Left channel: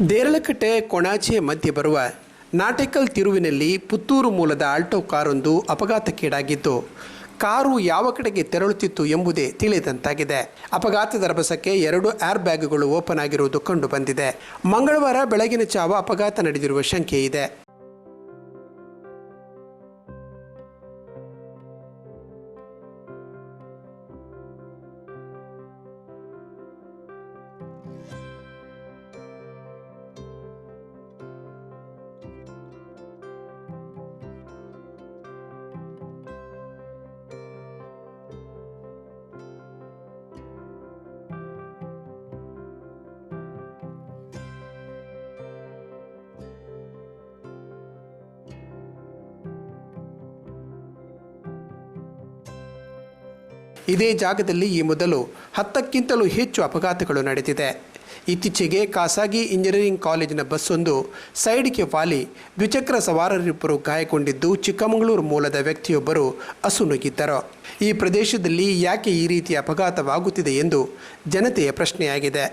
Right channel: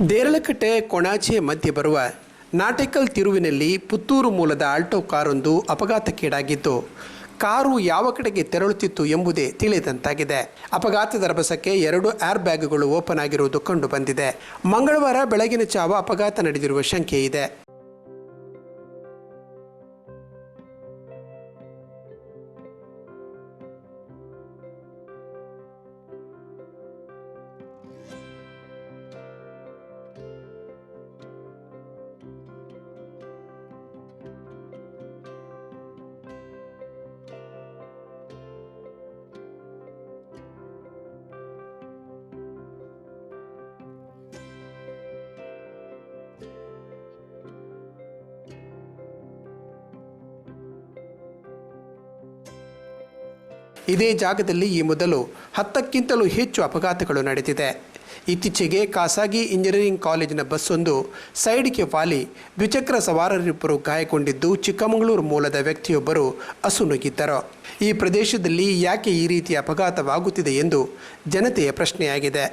ದೇರಳಕಟ್ಟೆ ಕೊಣಾಜೆ ಮಧ್ಯೆ ಬರುವ ನಾಟೆಕಲ್ ತಿರುವಿನಲ್ಲಿ ಪುತ್ತೂರು ಮೂಲದ ಆಲ್ಟೋ ಕಾರೊಂದು ಅಪಘಾತಕ್ಕೀಡಾಗಿದ್ದು, ಕಾರು ಯಾವ ಕಡೆಗೆ ತೆರಳುತ್ತಿತ್ತು ಎಂಬುದೇ ತಿಳಿದಂತಾಗಿದೆ. ಅಪಘಾತದ ರಭಸಕ್ಕೆ 2 ಏರ್ ಬ್ಯಾಗ್ಗಳು ಓಪನ್ ಆಗಿರುವುದು ಕಂಡುಬಂದಿದೆ. ಮಂಗಳವಾರ ಬೆಳಗಿನ ಜಾವ ಅಪಘಾತ ನಡೆದಿರುವ ಶಂಕೆ ಇದೆ. ಇದೇ ಜಾಗದಲ್ಲಿ ಈ ಮೊದಲು 10ಕ್ಕಿಂತಲೂ ಹೆಚ್ಚು ಅಪಘಾತಗಳು ನಡೆದಿದೆ. ಇತ್ತೀಚೆಗೆ ಖಾಸಗಿ ಇಂಜಿನಿಯರಿಂಗ್ ಕಾಲೇಜಿನ ಬಸ್ಸೊಂದು ಸೈಡ್ಗೆ ವಾಲಿ ದ್ವಿಚಕ್ರ ಸವಾರರಿಬ್ಬರು ಗಾಯಗೊಂಡಿದ್ದು, ಚಿಕ್ಕಮಗಳೂರು ಮೂಲದ ವ್ಯಕ್ತಿಯೊಬ್ಬರು ಅಸುನೀಗಿದ್ದರು. ಈ ಪ್ರದೇಶದಲ್ಲಿ ಯಾಕೆ ಈ ರೀತಿಯ ಅಪಘಾತವಾಗುತ್ತಿದೆ ಎಂದು ಜನತೆಯ ಪ್ರಶ್ನೆಯಾಗಿದೆ.